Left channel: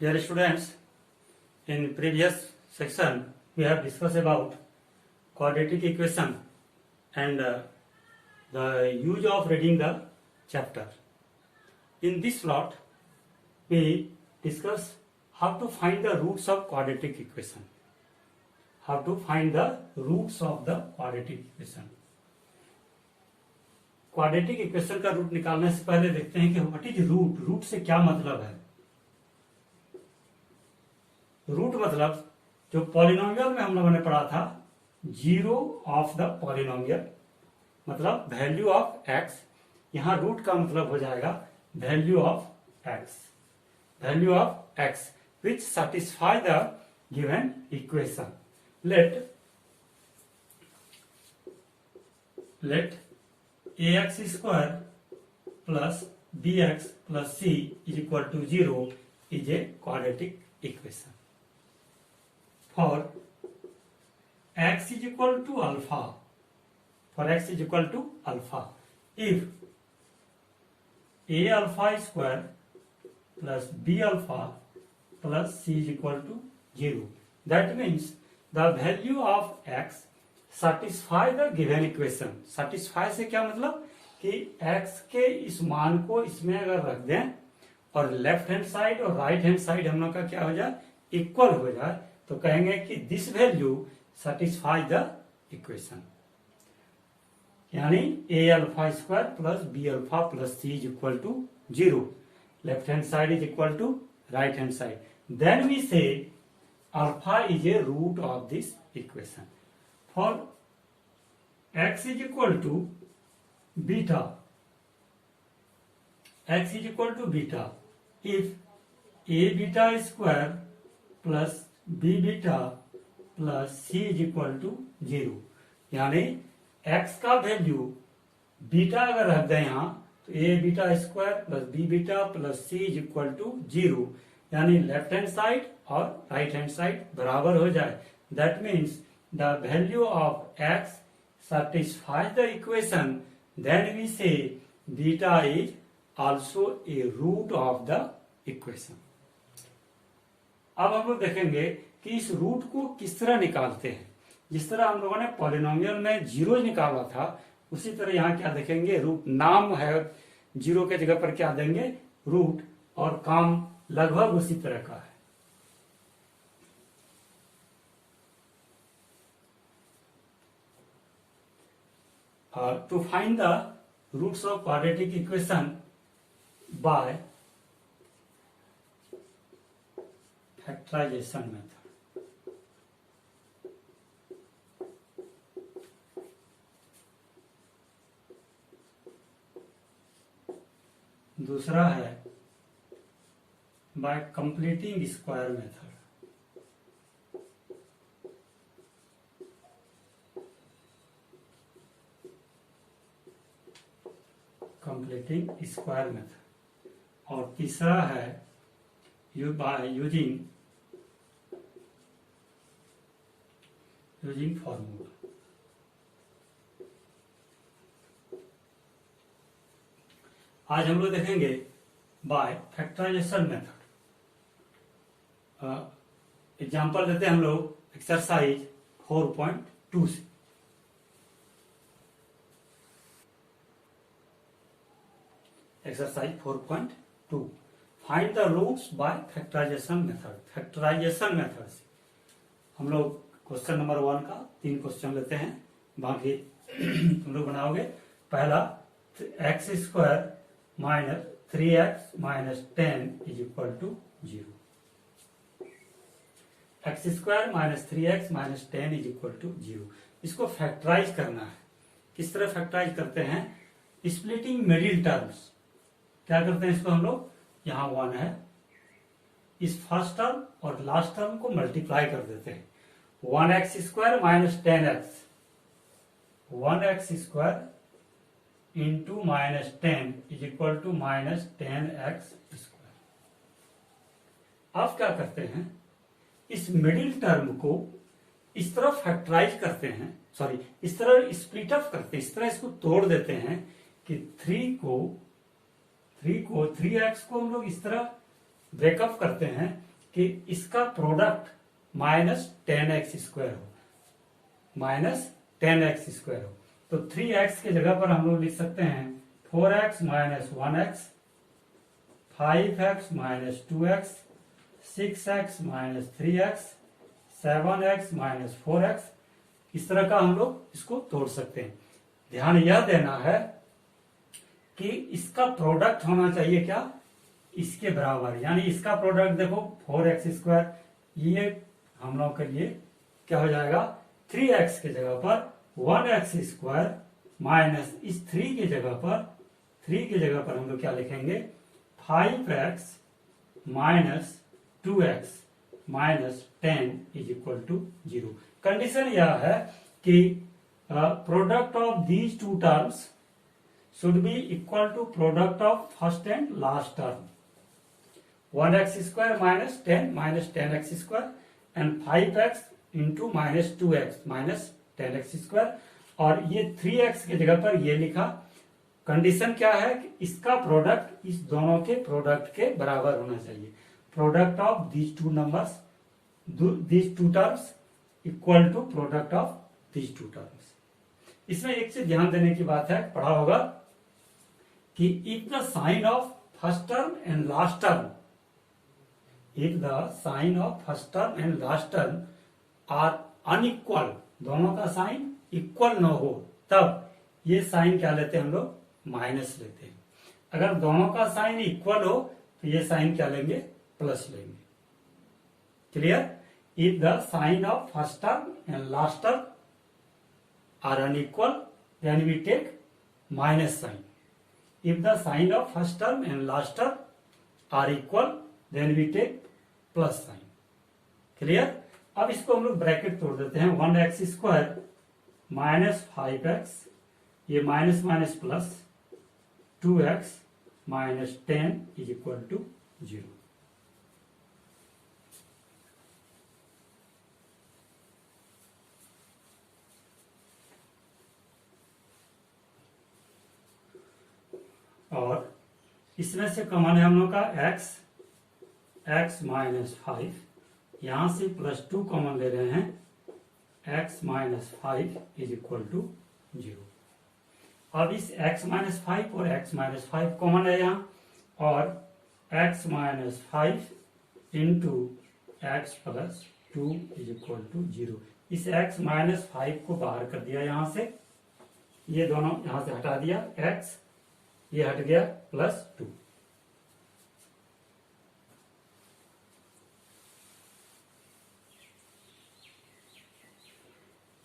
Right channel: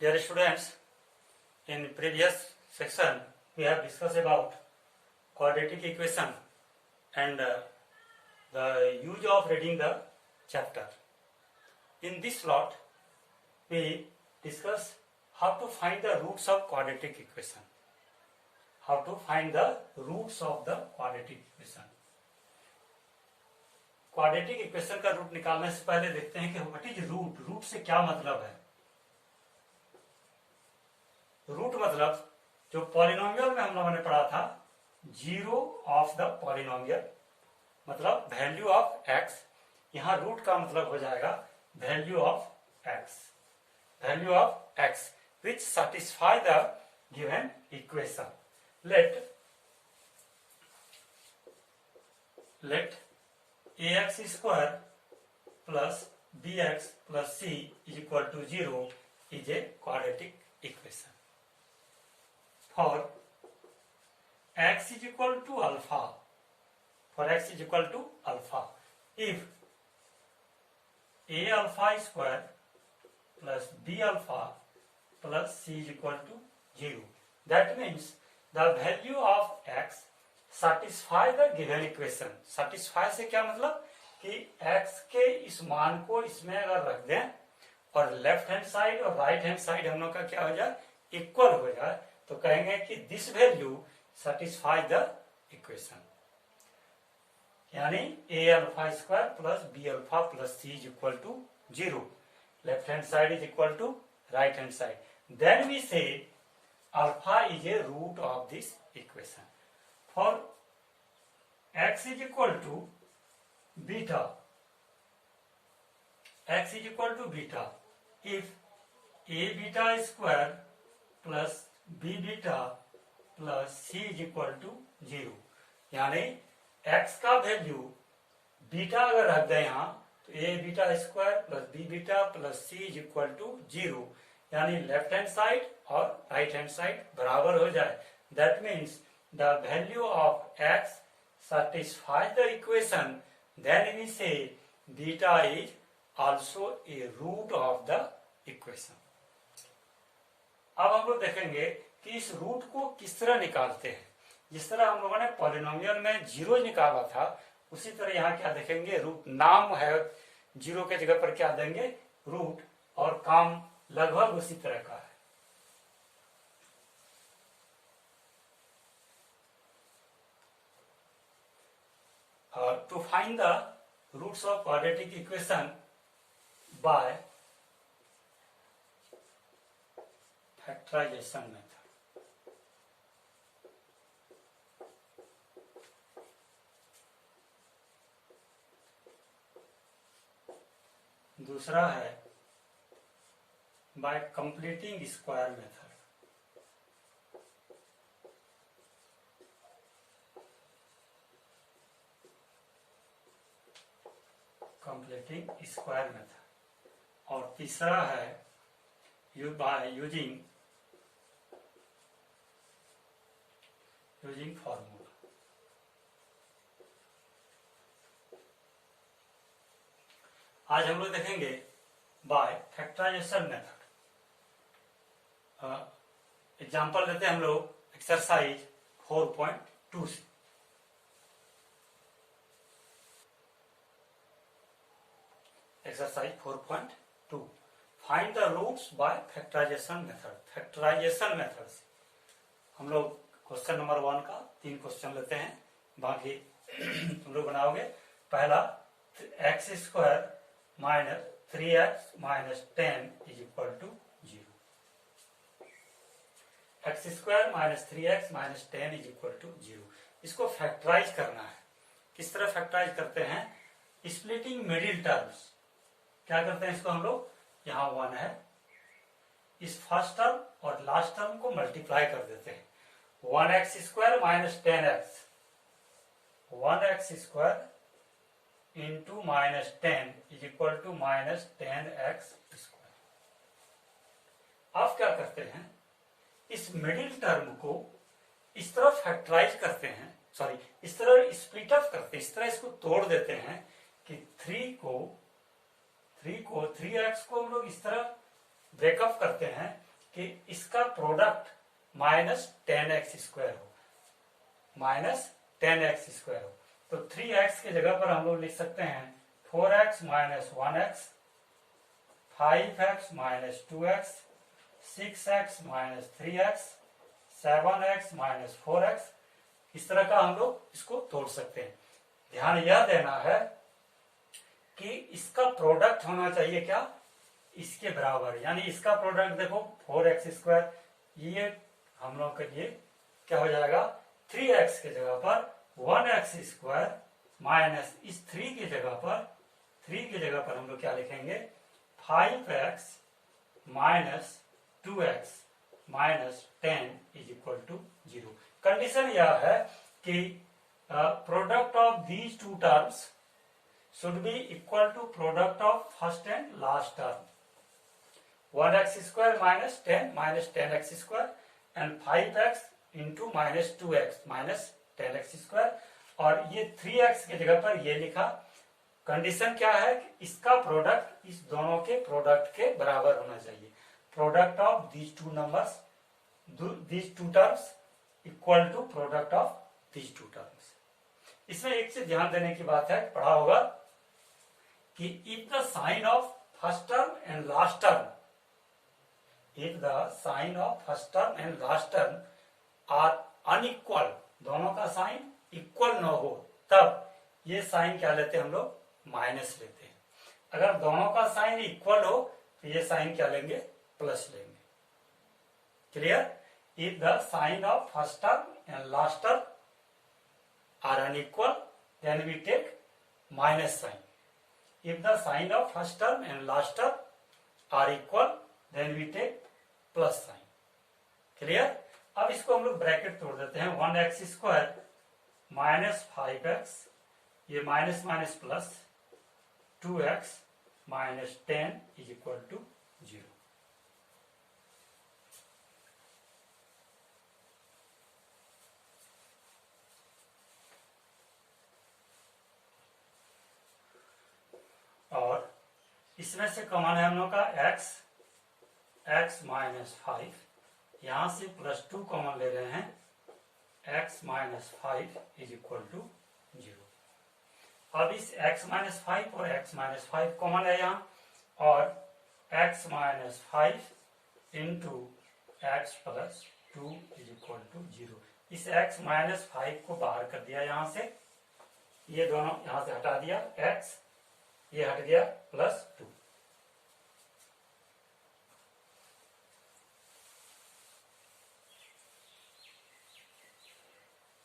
Dear students, in previous section we have discussed about quadratic equation and the use of reading the chapter. In this slot, we discuss how to find the roots of quadratic equation. How to find the roots of the quadratic equation. Quadratic equation का root निकालने से पहले देखते हैं कि what is root. Root से क्या मतलब है. रूट मतलब जो पॉलिनोमियल में हम लोगों ने पढ़ा था, जीरो ऑफ द पॉलिनोमियल मतलब वैल्यू ऑफ एक्स. यहां रूट का मतलब हो जाएगा value of X. Value of X which satisfy the given equation. Let ax square plus bx plus c is equal to 0 is a quadratic equation. For x is equal to alpha, if a alpha square plus b alpha plus c is equal to 0, that means the value of x satisfy the given equation. satisfy से क्या मतलब कि x के इस मान को इसमें अगर रख दें और लेफ्ट हैंड साइड और राइट हैंड साइड हम लोग का क्या हो जाए, इक्वल हो जाए, तो कहेंगे कि this value satisfy the equation. यानी a alpha square plus b alpha plus c is equal to 0. Left hand side is equal to right hand side. Then we say alpha is a root of this equation. For x is equal to beta, x is equal to beta if a beta square plus b beta plus c is equal to 0. यानी x का value beta अगर रख दें यहाँ तो a beta square plus b beta plus c is equal to 0. यानी left hand side और right hand side बराबर हो जाए. That means the value of x satisfies the equation, then we say beta is also a root of the equation. अब हम लोग देखेंगे कि इस रूट को किस तरह निकालते हैं. जिस तरह हम लोगों ने पॉलिनोमियल में जीरो निकाला था, उसी तरह यहाँ क्या देखेंगे, रूट. नाम है जीरो के जगह पर क्या देंगे, रूट, और काम लगभग उसी तरह का है. To find the roots of quadratic equation by factorization method. दूसरा है by completing square method. Completing square method. और तीसरा है बाय यूजिंग फॉर्मूला. आज हम लोग देखेंगे बाय फैक्टराइजेशन मेथड. एग्जांपल देते हैं हम लोग एक्सरसाइज 4.2 से. Exercise 4.2 find the roots by factorization method. Factorization method से हम लोग क्वेश्चन नंबर 1 का 3 क्वेश्चन लेते हैं. बाकी हम लोग बनाओगे. पहला X square minus 3x minus 10 is equal to 0. X square minus 3x minus 10 is equal to 0. इसको फैक्टराइज करना है. किस तरह फैक्टराइज करते हैं, स्प्लिटिंग मिडिल टर्म्स. क्या करते हैं इसको हम लोग, यहां 1 है, इस फर्स्ट टर्म और लास्ट टर्म को मल्टीप्लाई कर देते हैं. 1x square minus 10x, 1x square into minus 10 is equal to minus 10x square. अब क्या करते हैं, इस मिडिल टर्म को इस तरह फैक्टराइज करते हैं, सॉरी इस तरह स्प्लिट अप करते हैं, इस तरह इसको तोड़ देते हैं कि 3x को हम लोग इस तरह ब्रेकअप करते हैं कि इसका प्रोडक्ट -10x² हो, -10x² हो। तो 3x के जगह पर हम लोग लिख सकते हैं 4x - 1x, 5x - 2x, 6x - 3x, 7x - 4x। इस तरह का हम लोग इसको तोड़ सकते हैं। ध्यान यह देना है कि इसका प्रोडक्ट होना चाहिए क्या, इसके बराबर, यानी इसका प्रोडक्ट देखो 4x², ये हम लोग के लिए क्या हो जाएगा 3x के जगह पर 1x² माइनस इस 3 की जगह पर हम लोग क्या लिखेंगे 5x - 2x - 10 = 0। कंडीशन यह है कि product of these two terms should be equal to product of first and last term, 1x² - 10 - 10x² and 5x into -2x - 10x², और ये 3x की जगह पर ये लिखा। कंडीशन क्या है कि इसका प्रोडक्ट इस दोनों के प्रोडक्ट के बराबर होना चाहिए। Product of these two numbers, these two terms equal to product of these two terms. इसमें एक चीज ध्यान देने की बात है, पढ़ा होगा कि if the sign of first term and last term, if the sign of first term and last term are unequal, दोनों का साइन इक्वल न हो, तब ये साइन क्या लेते हैं हम लोग माइनस लेते हैं। अगर दोनों का साइन इक्वल हो तो ये साइन क्या लेंगे प्लस लेंगे। Clear? If the sign of first term and last term are unequal then we take minus sign. If the sign of first term and last term are equal, then we take plus sign. Clear? अब इसको हम लोग bracket तोड़ देते हैं। 1x² - 5x, ये minus minus plus 2x - 10 = 0। और इसमें से कॉमन है हम लोग का x - 5, यहां से +2 कॉमन ले रहे हैं, x - 5 = 0। अब इस x - 5 और x - 5 कॉमन है यहाँ, और x - 5 इंटू x + 2 = 0। इस x - 5 को बाहर कर दिया यहां से, ये दोनों यहां से हटा दिया, x ये हट गया +2।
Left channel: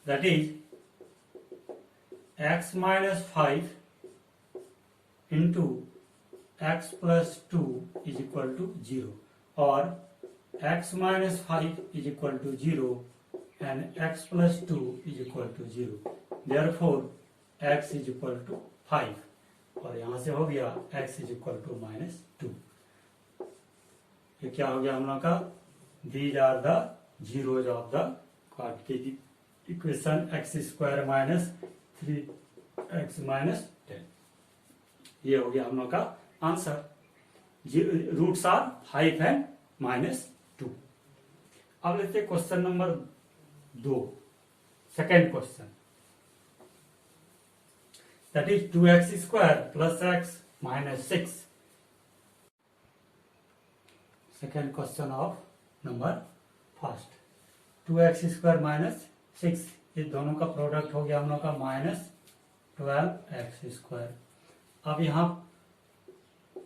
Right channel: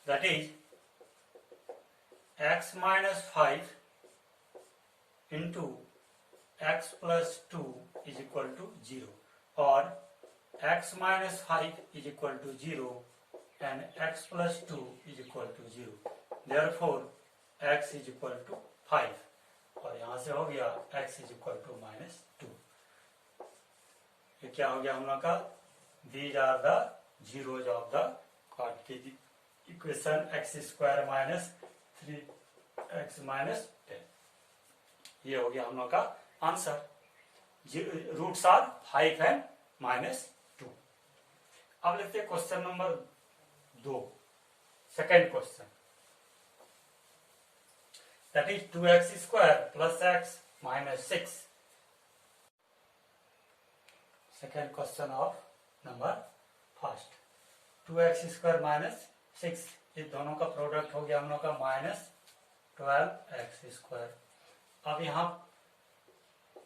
That is x - 5 into x + 2 = 0, और x - 5 = 0 and x + 2 = 0। Therefore x = 5, और यहां से हो गया x = -2। ये क्या हो गया हम लोग का, these are the zeros of the quadratic equation x² - 3x - 10। ये हो गया हम लोग का आंसर। Roots are 5 and -2। अब लेते हैं question number 2, second question. That is 2x² + x - 6. Second question of number first. 2x² - 6, ये दोनों का प्रोडक्ट हो गया हम लोग का -12x²। अब यहाँ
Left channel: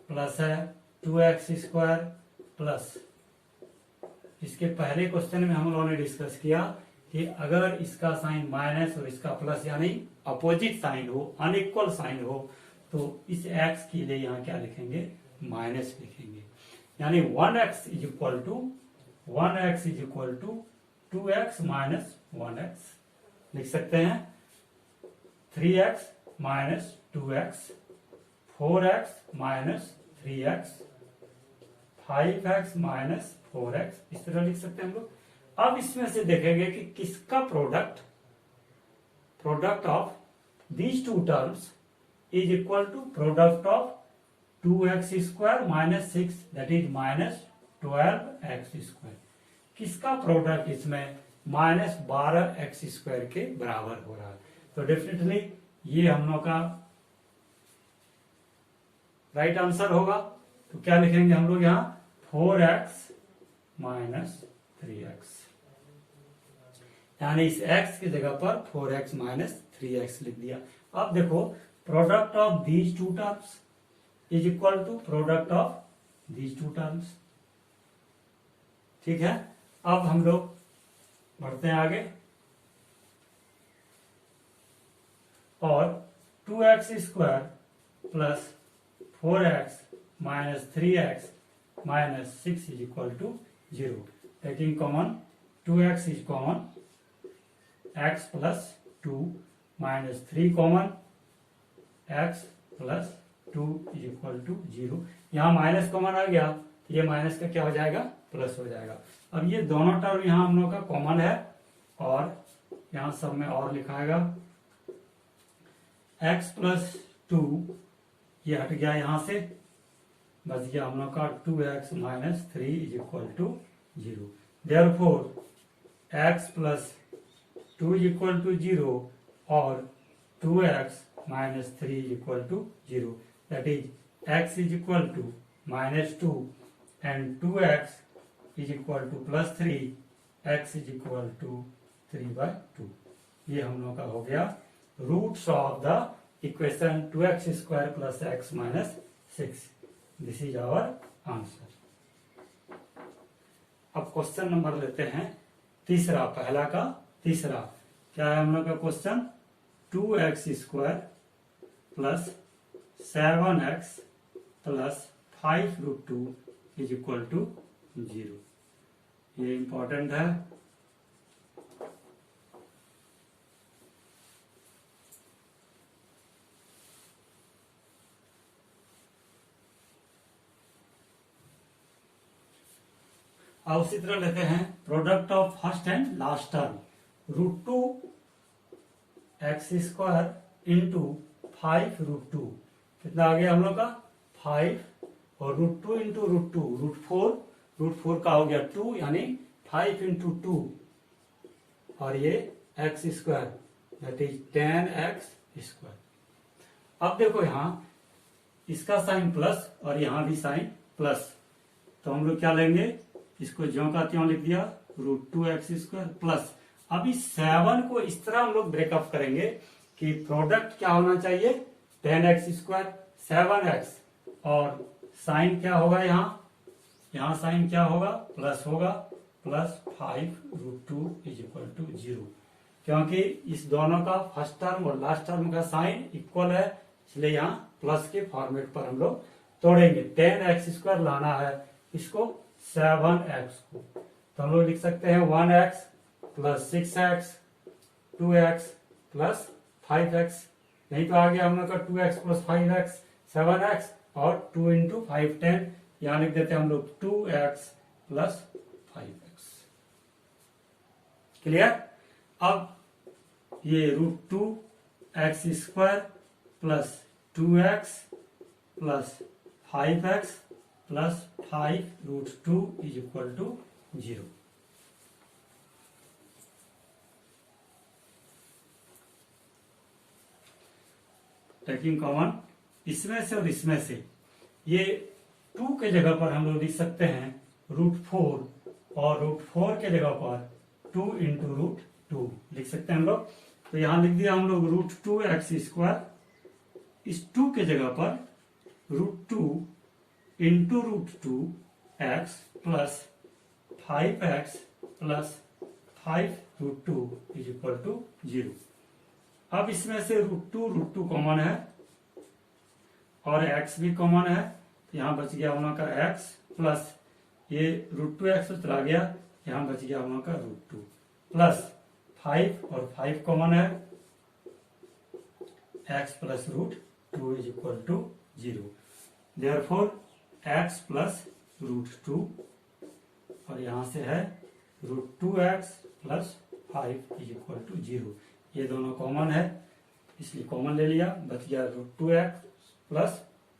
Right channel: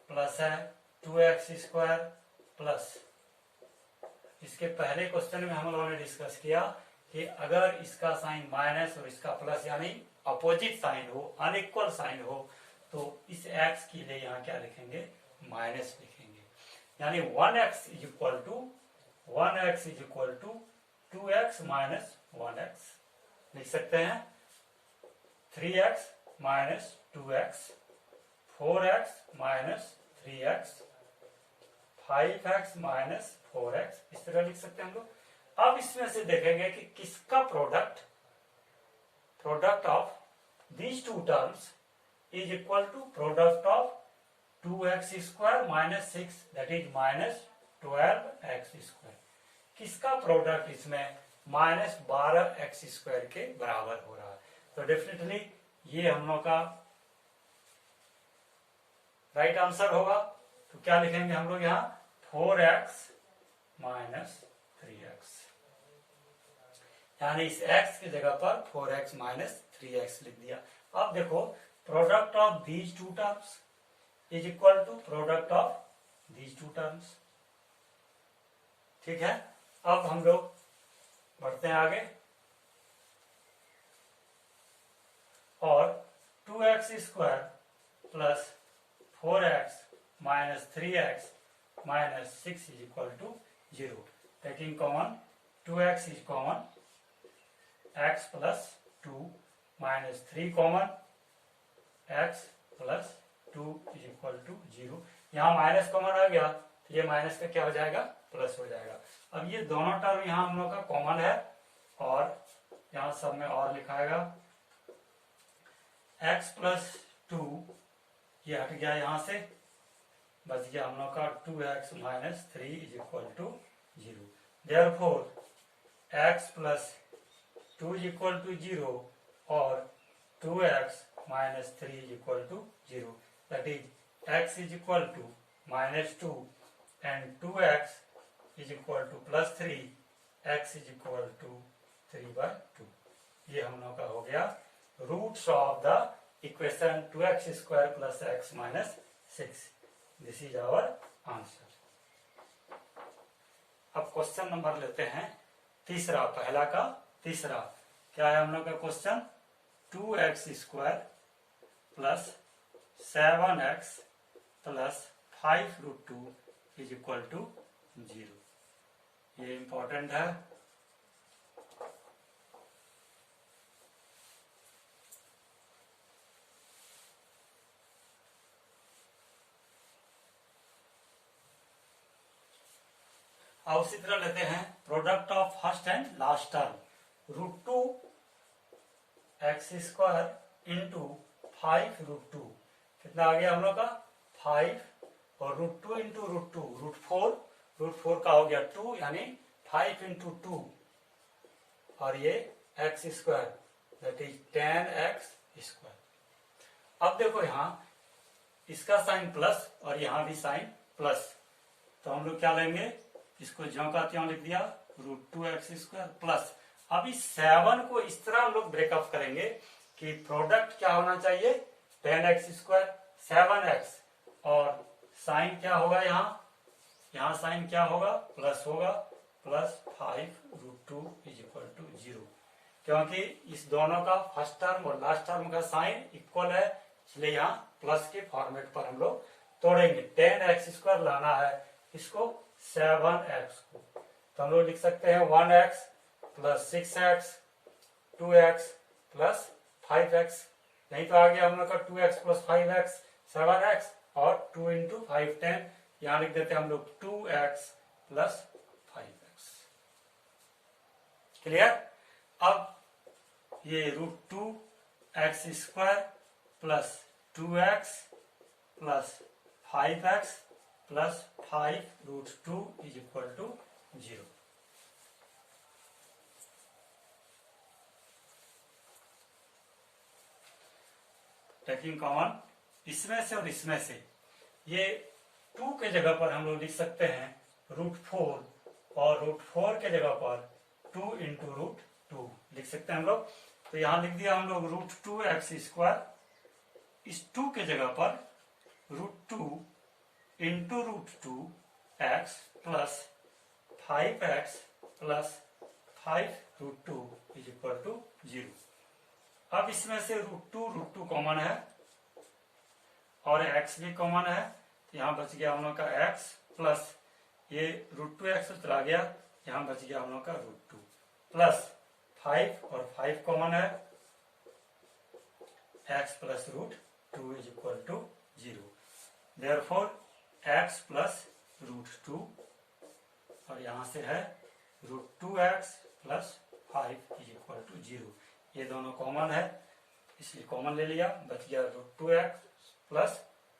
प्लस है 2x² प्लस, इसके पहले क्वेश्चन में हम लोगों ने डिस्कस किया कि अगर इसका साइन माइनस और इसका प्लस यानी अपोजिट साइन हो, अनइक्वल साइन हो, तो इस x के लिए यहाँ क्या लिखेंगे माइनस लिखेंगे। यानी 1x = 2x - 1x लिख सकते हैं, 3x - 2x, 4x - 3x, 5x - 4x, इस तरह लिख सकते हैं हम लोग। अब इसमें से देखेंगे कि किसका product of these two terms is equal to product of 2x² - 6, that is 12x²। किसका प्रोडक्ट इसमें -12x² के बराबर हो रहा है। तो डेफिनेटली ये हम लोग का राइट आंसर होगा। तो क्या लिखेंगे हम लोग यहाँ 4x - 3x, यानी इस x की जगह पर 4x - 3x लिख दिया। अब देखो product of these two terms is equal to product of these two terms. ठीक है, अब हम लोग बढ़ते हैं आगे। और 2x² plus 4x - 3x - 6 is equal to 0। Taking common 2x is common, x plus 2 minus 3 common, x plus 2 is equal to 0। यहाँ माइनस कॉमन आ गया तो ये माइनस का क्या हो जाएगा, प्लस हो जाएगा। अब ये दोनों टर्म यहाँ हम लोग का कॉमन है और यहाँ सब में और लिखाएगा x प्लस 2, ये हट गया यहाँ से, बच गया हम लोग का 2x - 3 is equal to 0। Therefore x plus 2 is equal to 0 और 2x - 3 is equal to 0। That is x is equal to -2 and 2x is equal to +3, x is equal to 3/2। ये हम लोग का हो गया roots of the equation 2x² + x - 6। This is our answer. अब question number लेते हैं तीसरा, पहला का तीसरा। क्या है हम लोग का question, 2x² + 7x + 5√2 is equal to 0। ये इंपॉर्टेंट है। अब उसी तरह लेते हैं product of first and last term, √2x² into 5√2। कितना आ गया हम लोग का 5, और √2 इंटू √2 √4 का हो गया 2, यानी 5 इंटू 2, और ये x², दैट इज 10x²। अब देखो यहाँ इसका साइन प्लस और यहाँ भी साइन प्लस, तो हम लोग क्या लेंगे, इसको ज्यों का त्यों लिख दिया, √2x² प्लस। अब इस 7 को इस तरह हम लोग ब्रेकअप करेंगे कि प्रोडक्ट क्या होना चाहिए, 10x², 7x, और साइन क्या होगा यहाँ साइन क्या होगा, प्लस होगा, +5√2 इज इक्वल टू 0। क्योंकि इस दोनों का फर्स्ट टर्म और लास्ट टर्म का साइन इक्वल है, इसलिए यहाँ प्लस के फॉर्मेट पर हम लोग तोड़ेंगे। 10x² लाना है इसको 7x को, तो हम लोग लिख सकते हैं 1x + 6x, 2x + 5x। नहीं तो आ गया हम लोग का 2x + 5x 7x, और 2 इंटू 5 10, यहां लिख देते हैं हम लोग 2x + 5x। क्लियर। अब ये √2x² + 2x + 5x + 5√2 is equal to 0। Taking common इसमें से और इसमें से, ये 2 के जगह पर हम लोग लिख सकते हैं √4, और √4 के जगह पर 2 इंटू √2 लिख सकते हैं हम लोग। तो यहां लिख दिया हम लोग √2x², इस 2 के जगह पर √2 into √2x + 5x + 5√2 is equal to 0। अब इसमें से √2 कॉमन है और x भी कॉमन है, तो यहां बच गया हम लोग का x प्लस ये √2x तो चला गया, यहां बच गया हम लोग का √2 प्लस 5, और 5 कॉमन है, x + √2 is equal to 0। Therefore x + √2, और यहां से है √2x + 5 इज इक्वल टू 0। ये दोनों कॉमन है, इसलिए कॉमन ले लिया, बच गया √2x +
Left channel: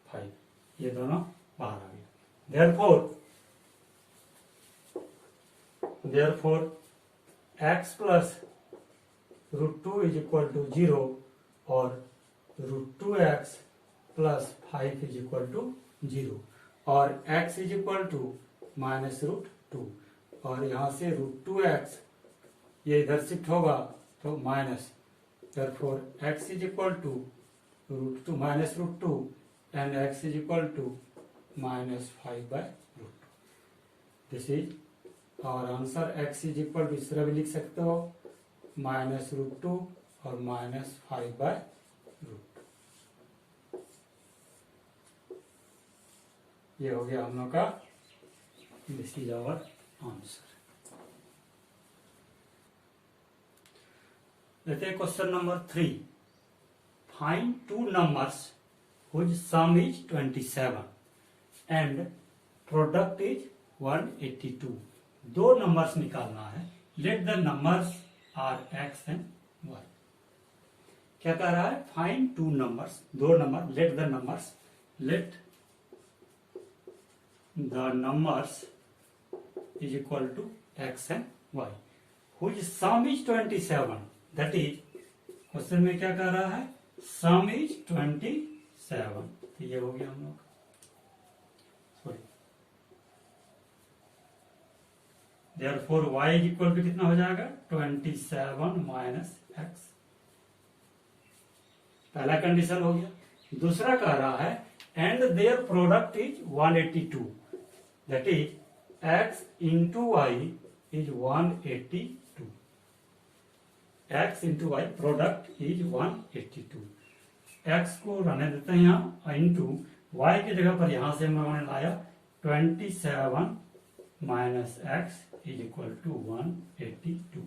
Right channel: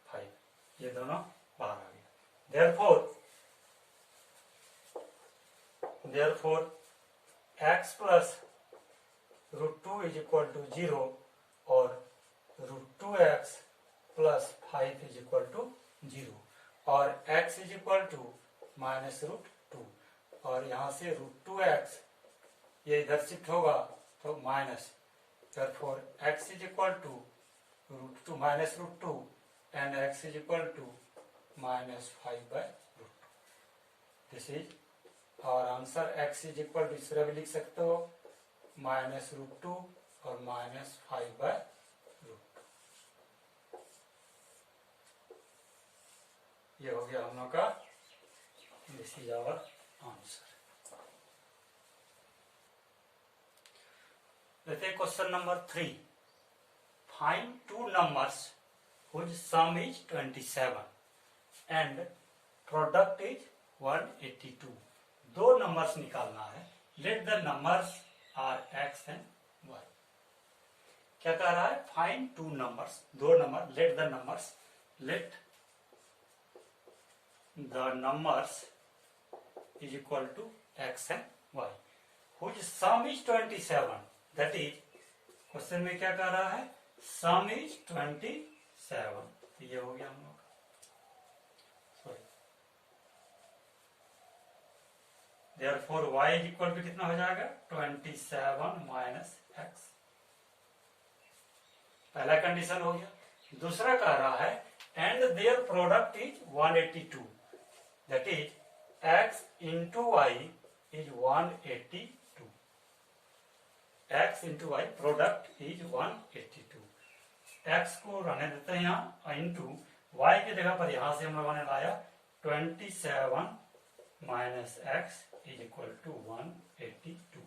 5, ये दोनों बाहर आ गया। Therefore therefore x plus √2 is equal to 0 और √2x plus 5 is equal to 0 और x इज इक्वल टू -√2 और यहाँ से √2x ये इधर शिफ्ट होगा तो minus, therefore x is equal to -√2 and x is equal to -5/√2। This is our answer x is equal to इस तरह भी लिख सकते हो -√2 और -5/√2। ये हो गया हम लोग का, दिस इज आवर आंसर। लेते हैं question number 3। Find two numbers whose sum is 27 and product is 182। दो नंबर्स निकालना है। Let the numbers are x and y। क्या कह रहा है? फाइंड टू नंबर्स, दो number, let the numbers is equal to x and y whose sum is 27। That is question में क्या कह रहा है? Sum is 27। तो ये हो गया हम लोग, sorry, therefore y is equal to कितना हो जाएगा? 27 माइनस x। पहला कंडीशन हो गया। दूसरा कह रहा है and their product is 182। That is x into Y is 182। x into Y product is 182। x को रहने देते हैं यहाँ, इंटू y की जगह पर यहां से हम लोगों ने लाया 27 minus x is equal to 182।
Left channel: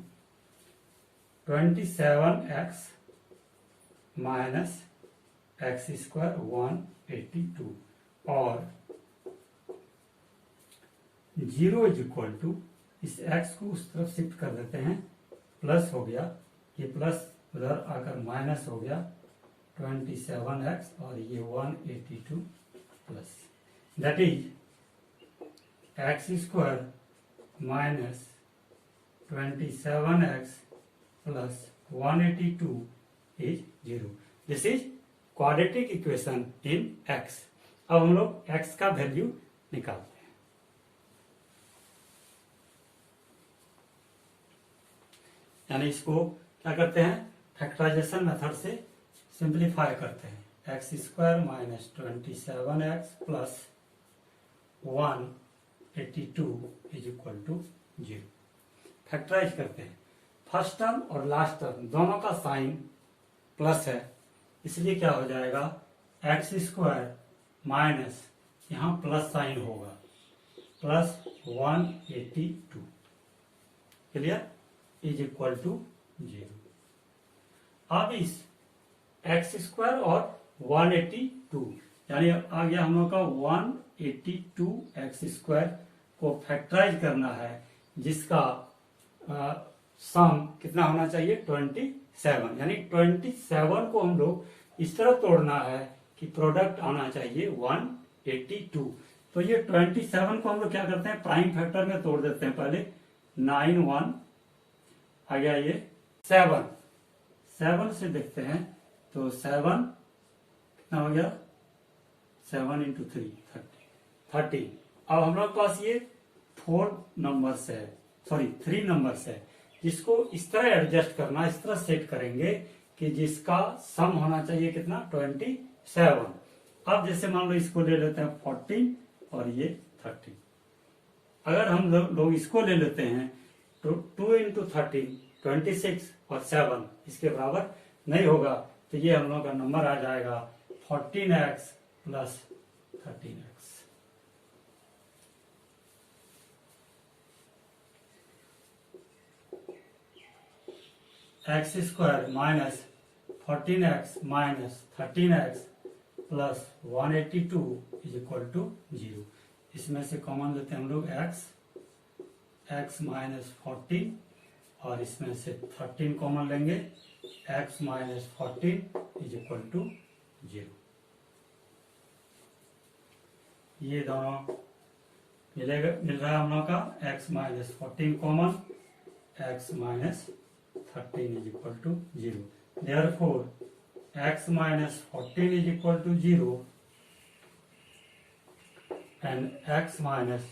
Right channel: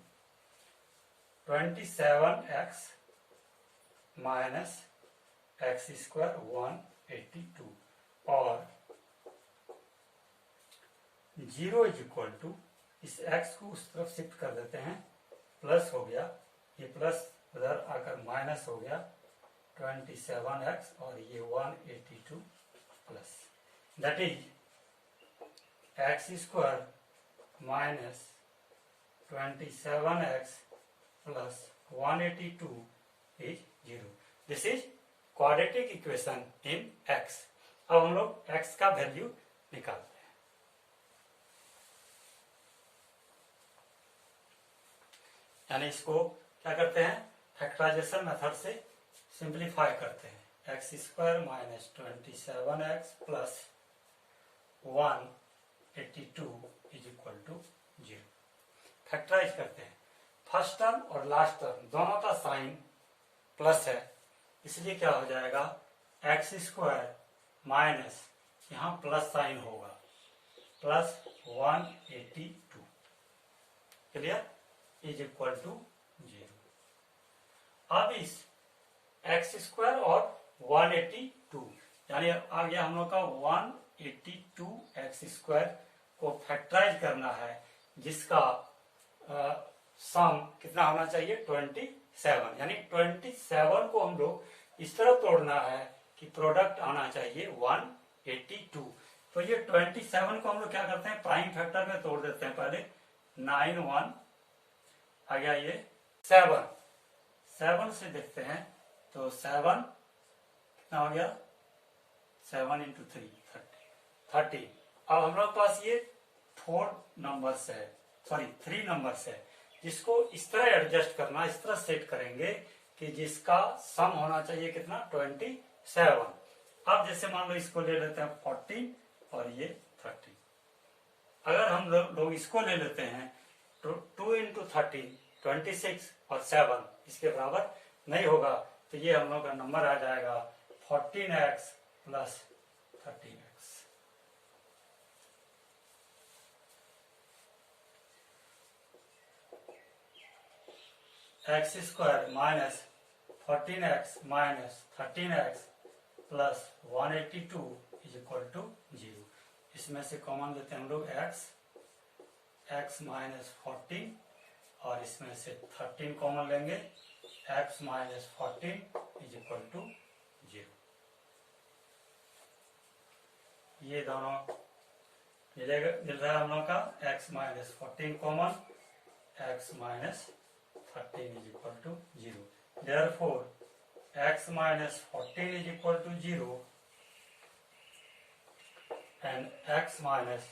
27x minus x square 182 और 0 इज इक्वल टू, इस x को उस तरफ शिफ्ट कर देते हैं, प्लस हो गया, ये प्लस उधर आकर माइनस हो गया 27x और ये 182 plus, that is x square minus 27x plus 182 is 0। This is quadratic equation in x। अब हम लोग x का वैल्यू निकालते हैं। यानी इसको क्या करते हैं? फैक्टराइजेशन मेथड से सिंप्लीफाई करते हैं। X square minus 27x plus 182 is equal to 0। Factorize करते हैं। फर्स्ट टर्म और लास्ट टर्म दोनों का साइन प्लस है, इसलिए क्या हो जाएगा? एक्स स्क्वायर माइनस, यहां प्लस साइन होगा, plus 182 clear is equal to 0। अब इस एक्स स्क्वायर और 182 यानी आ गया हम लोग का 182 एक्स स्क्वायर को फैक्टराइज करना है, जिसका सम कितना होना चाहिए? 27। यानी 27 को हम लोग इस तरह तोड़ना है कि प्रोडक्ट आना चाहिए 182। तो ये 27 को हम लोग क्या करते हैं? प्राइम फैक्टर में तोड़ देते हैं। पहले 9 1 आ गया, ये 7 से देखते हैं तो 7 कितना हो गया? 7 इंटू 3 30। अब हम लोग पास ये 4 नंबर्स है, सॉरी 3 नंबर्स है, जिसको इस तरह एडजस्ट करना, इस तरह सेट करेंगे कि जिसका सम होना चाहिए कितना? 27। अब जैसे मान लो इसको ले लेते हैं 14 और ये 30। अगर हम लोग इसको ले लेते हैं तो 2 इंटू 13 26 और 7 इसके बराबर नहीं होगा, तो ये हम लोग का नंबर आ जाएगा 14x plus 13x। X square minus 14x minus 13x plus 182 is equal to 0। इसमें से कॉमन लेते हैं हम लोग x माइनस 14 और इसमें से 13 कॉमन लेंगे, x minus 14 is equal to 0। ये दोनों मिल रहा है हम लोग का x minus 14 common, x minus 13 is equal to 0. Therefore x minus 14 is equal to 0 and x minus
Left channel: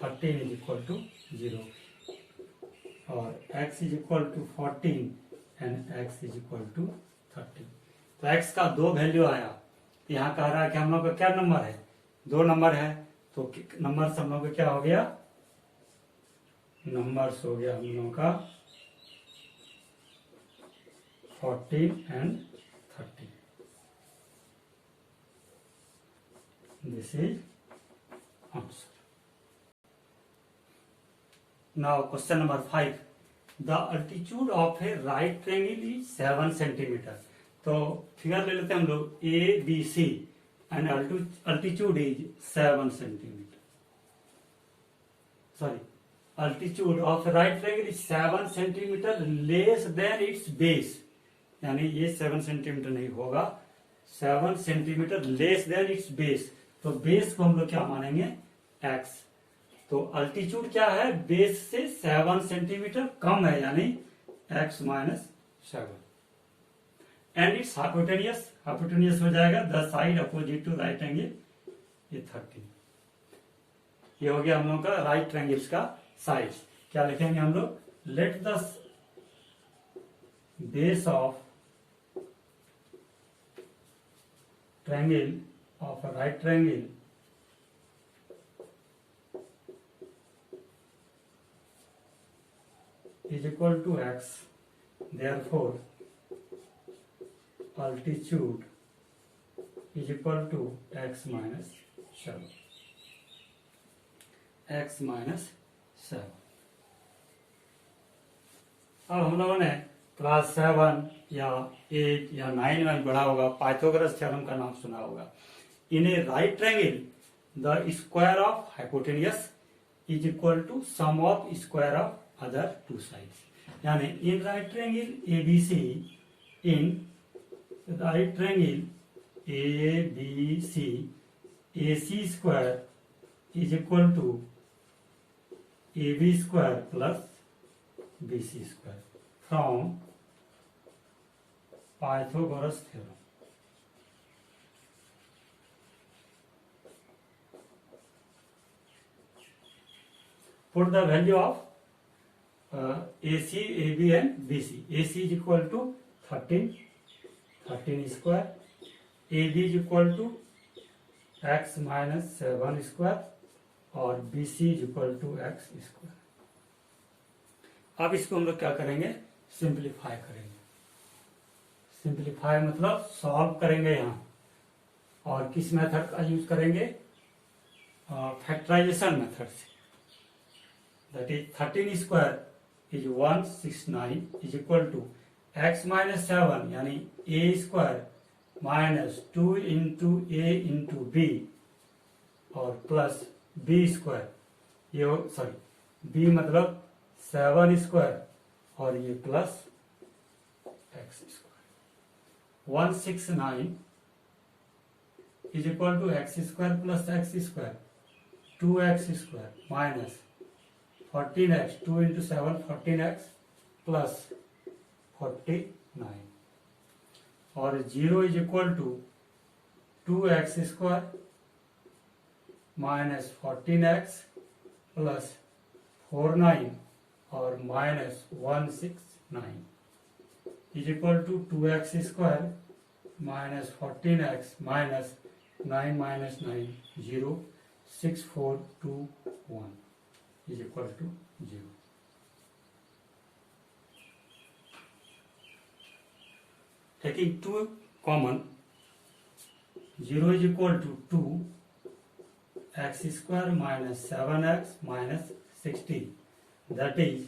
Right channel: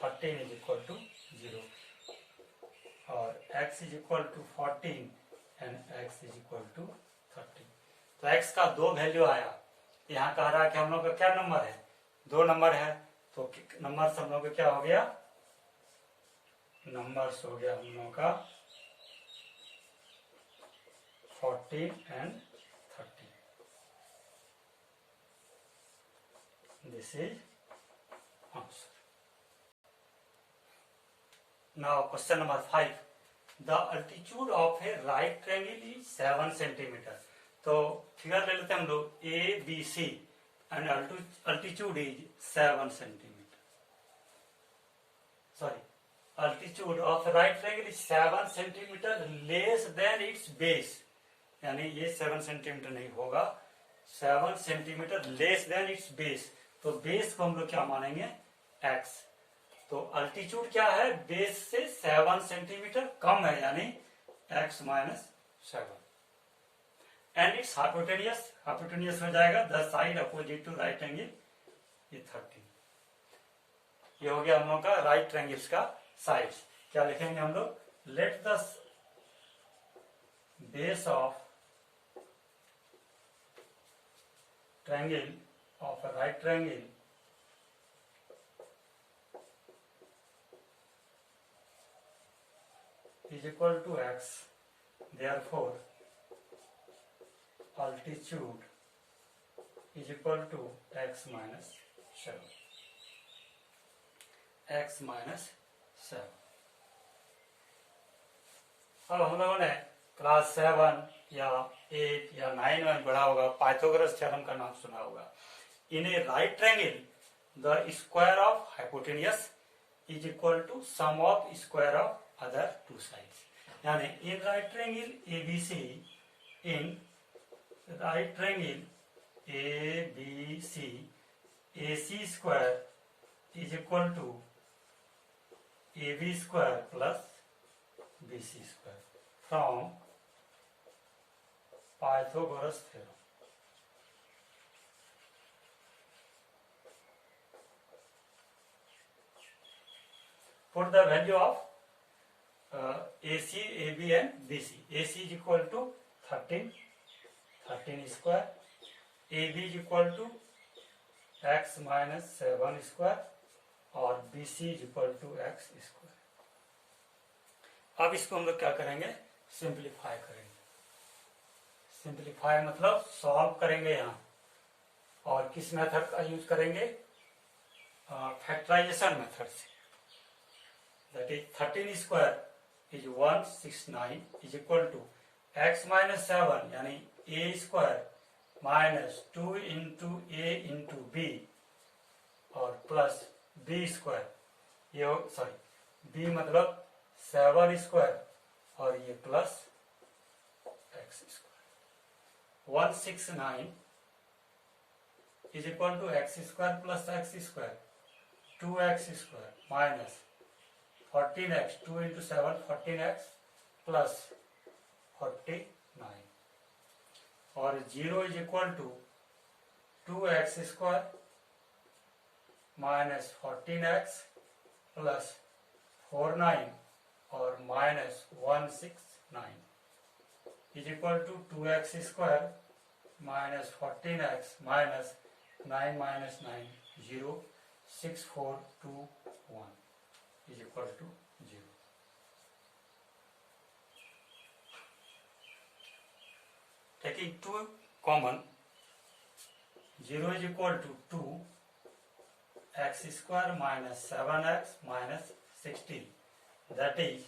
13 is equal to 0, और x is equal to 14 and x is equal to 13. तो x का दो वैल्यू आया. यहाँ कह रहा है कि हम लोग का क्या नंबर है, दो नंबर है. तो नंबर हम लोग का क्या हो गया, नंबर्स हो गया हम लोग का 14 and 13. This is answer. Now question number 5. The altitude of a right triangle is 7 centimeter. तो फिगर ले लेते हैं हम लोग A B C and altitude is 7 centimetre. Sorry, altitude of right triangle is 7 centimetre less than its base. यानी ये 7 centimetre नहीं होगा, 7 centimetre less than its base. तो बेस को हम लोग क्या मानेंगे, x. तो अल्टीट्यूड क्या है, बेस से 7 सेंटीमीटर कम है, यानी x minus 7. And its hypotenuse, hypotenuse हो जाएगा the side opposite to right angle, ये 13. ये हो गया हम लोग का राइट ट्रायंगल्स का साइड. क्या लिखेंगे हम लोग, let the base of triangle of a right triangle is equal to x, therefore altitude is equal to x minus 7. x minus 7. अब हम लोगों ने क्लास 7 या 8 या 9 में पढ़ा होगा, पाइथागोरस थ्योरम का नाम सुना होगा. In a right triangle, the square of hypotenuse is equal to sum of square of other two sides. यानी in right triangle ABC, in right triangle ABC, AC square is equal to AB square plus BC square from Pythagoras theorem. Put the value of AC, AB and BC. AC is equal to 13 square. AB is equal to x minus 7 square और BC is equal to x square. अब इसको हम लोग क्या करेंगे, simplify करेंगे. Simplify मतलब solve करेंगे यहाँ. और किस मेथड का यूज करेंगे, फैक्टराइजेशन मेथड से. That is 13 square is 169 is equal to x minus 7 यानी a square minus 2 into a into b और plus b square. ये सॉरी b मतलब 7 square और ये plus x square. 169 is equal to x square plus x square, 2x square minus 14x, 2 into 7 14x plus 49 और 0 is equal to 2x square minus 14x plus 49 और minus 169 is equal to 2x square minus 14x minus 9 minus 9 0 6 4 2 1 is equal to 0. Taking 2 common, 0 is equal to 2 x square minus 7x minus 16. That is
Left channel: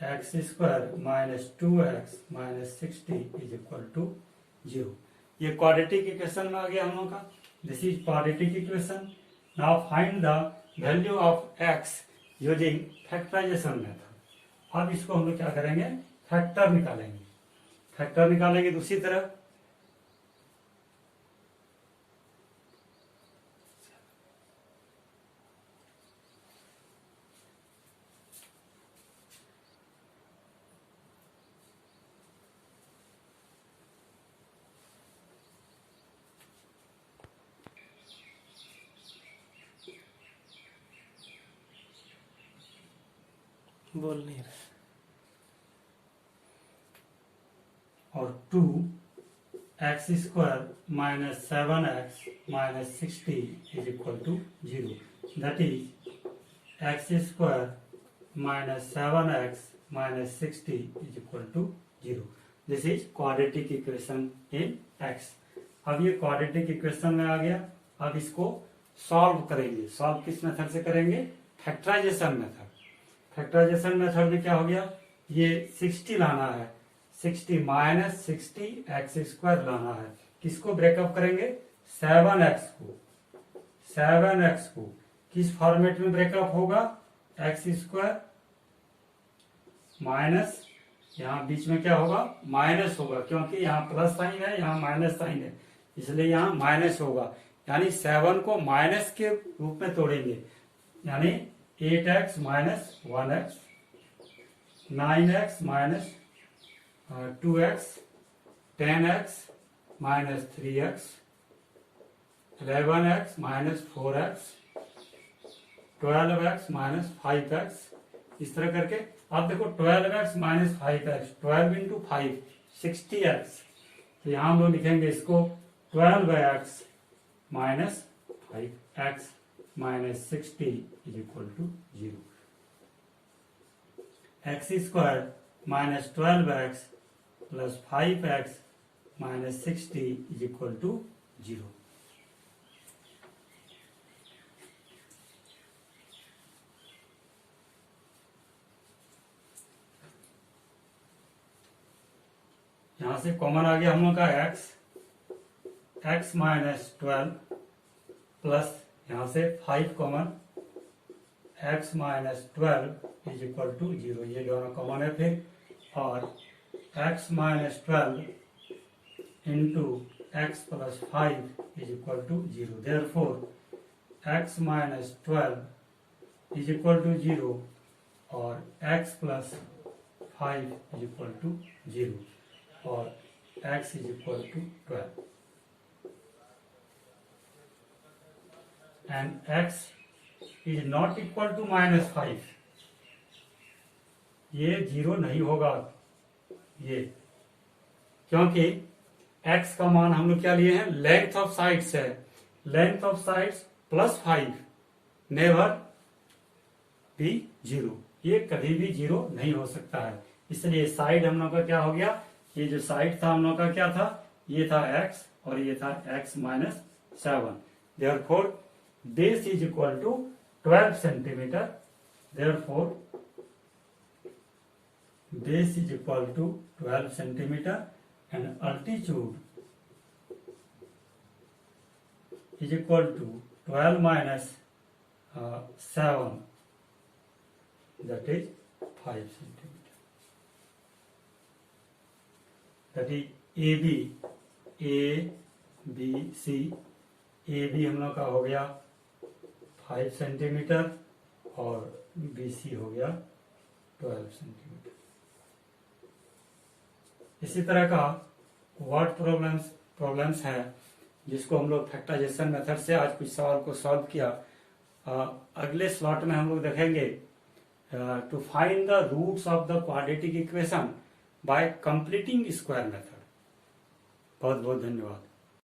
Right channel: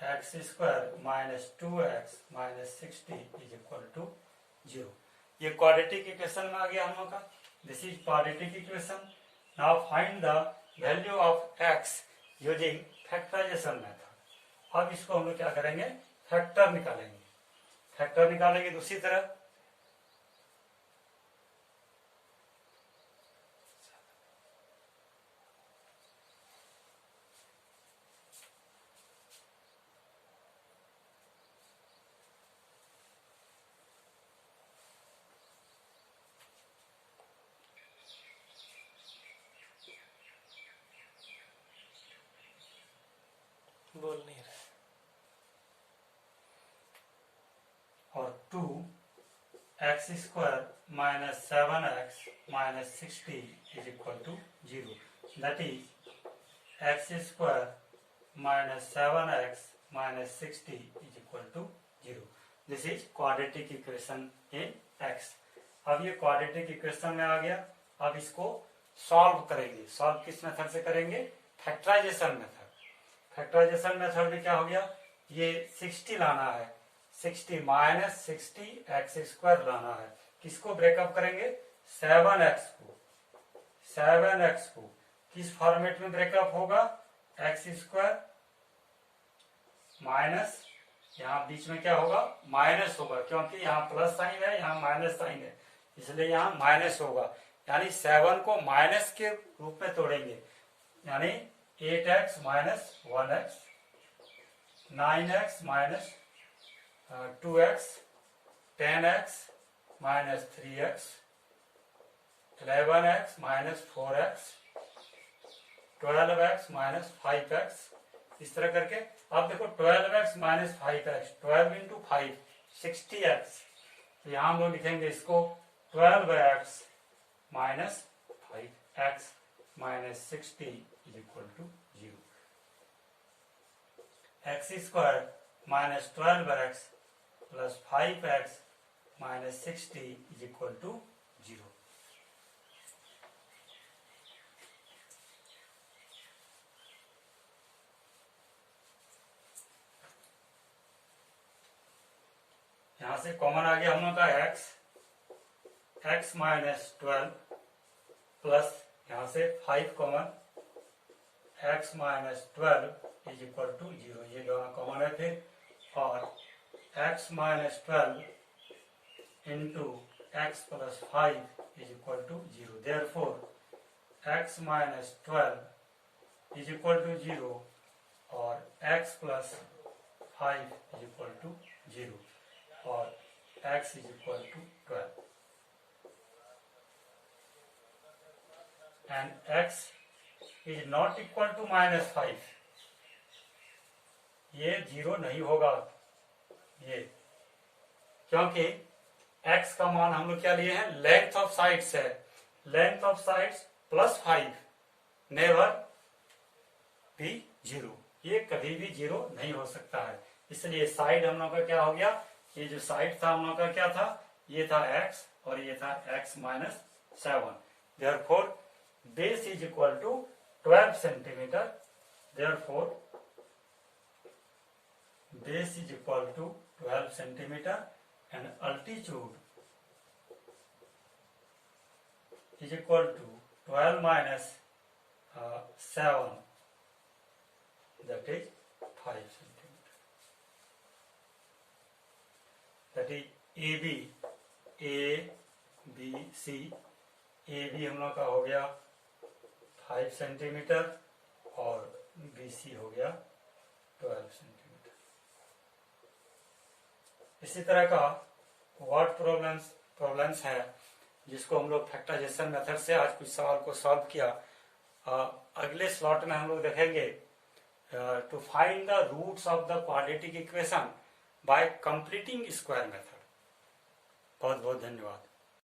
x square minus 2x minus 60 is equal to 0. ये quadratic equation में आ गया हम लोग का. This is quadratic equation. Now find the value of x using factorisation method. अब इसको हम लोग क्या करेंगे, फैक्टर निकालेंगे. फैक्टर निकालेंगे दूसरी तरह. बोल नहीं रहे। और 2x² minus 7x minus 60 is equal to 0. That is x² minus 7x minus 60 is equal to 0. This is quadratic equation in x. अब ये quadratic equation में आ गया. अब इसको सॉल्व करेंगे. सॉल्व किस मेथड से करेंगे? Factorisation method. फैक्टराइजेशन मेथड में क्या हो गया? ये 60 लाना है, 60 माइनस 60 x² लाना है. किसको ब्रेकअप करेंगे? 7x को किस फॉर्मेट में ब्रेकअप होगा? x² माइनस, यहाँ बीच में क्या होगा? माइनस होगा, क्योंकि यहाँ प्लस साइन है, यहाँ माइनस साइन है, इसलिए यहाँ माइनस होगा. यानी 7 को माइनस के रूप में तोड़ेंगे. यानी 8x minus 1x, 9x minus 2x, 10x minus 3x, 11x minus 4x, 12x minus 5x. इस तरह करके अब देखो 12x minus 5x, 12 into 5 60x. तो यहां हम लोग लिखेंगे इसको 12x minus 5x minus 60 is equal to 0. x² minus 12x plus 5x minus 60 is equal to 0. यहां से कॉमन आ गया हम लोग का x माइनस 12 प्लस यहां से 5 common, x minus 12 is equal to 0. ये दोनों कॉमन है फिर. और x minus 12 into x plus 5 is equal to 0. Therefore x minus 12 is equal to 0 और x plus 5 is equal to 0 और x is equal to 12. And x is not equal to minus 5. ये 0 नहीं होगा ये, क्योंकि x का मान हम लोग क्या लिए हैं? लेंथ ऑफ साइड्स है. Length of sides plus 5 never भी 0. ये कभी भी 0 नहीं हो सकता है. इसलिए साइड हम लोग का क्या हो गया? ये जो साइड था हम लोग का क्या था? ये था x और ये था x minus 7. Therefore base is equal to 12 centimetre. Therefore base is equal to 12 centimetre and altitude is equal to 12 minus 7, that is 5 centimetre. That is A B C. A B हम लोग का हो गया 5 centimetre और B C हो गया 12 centimetre. इसी तरह का वर्ड प्रॉब्लम्स है जिसको हम लोग फैक्टराइजेशन मेथड से आज कुछ सवाल को सॉल्व किया. अगले स्लॉट में हम लोग देखेंगे to find the roots of the quadratic equation by completing square method. बहुत बहुत धन्यवाद.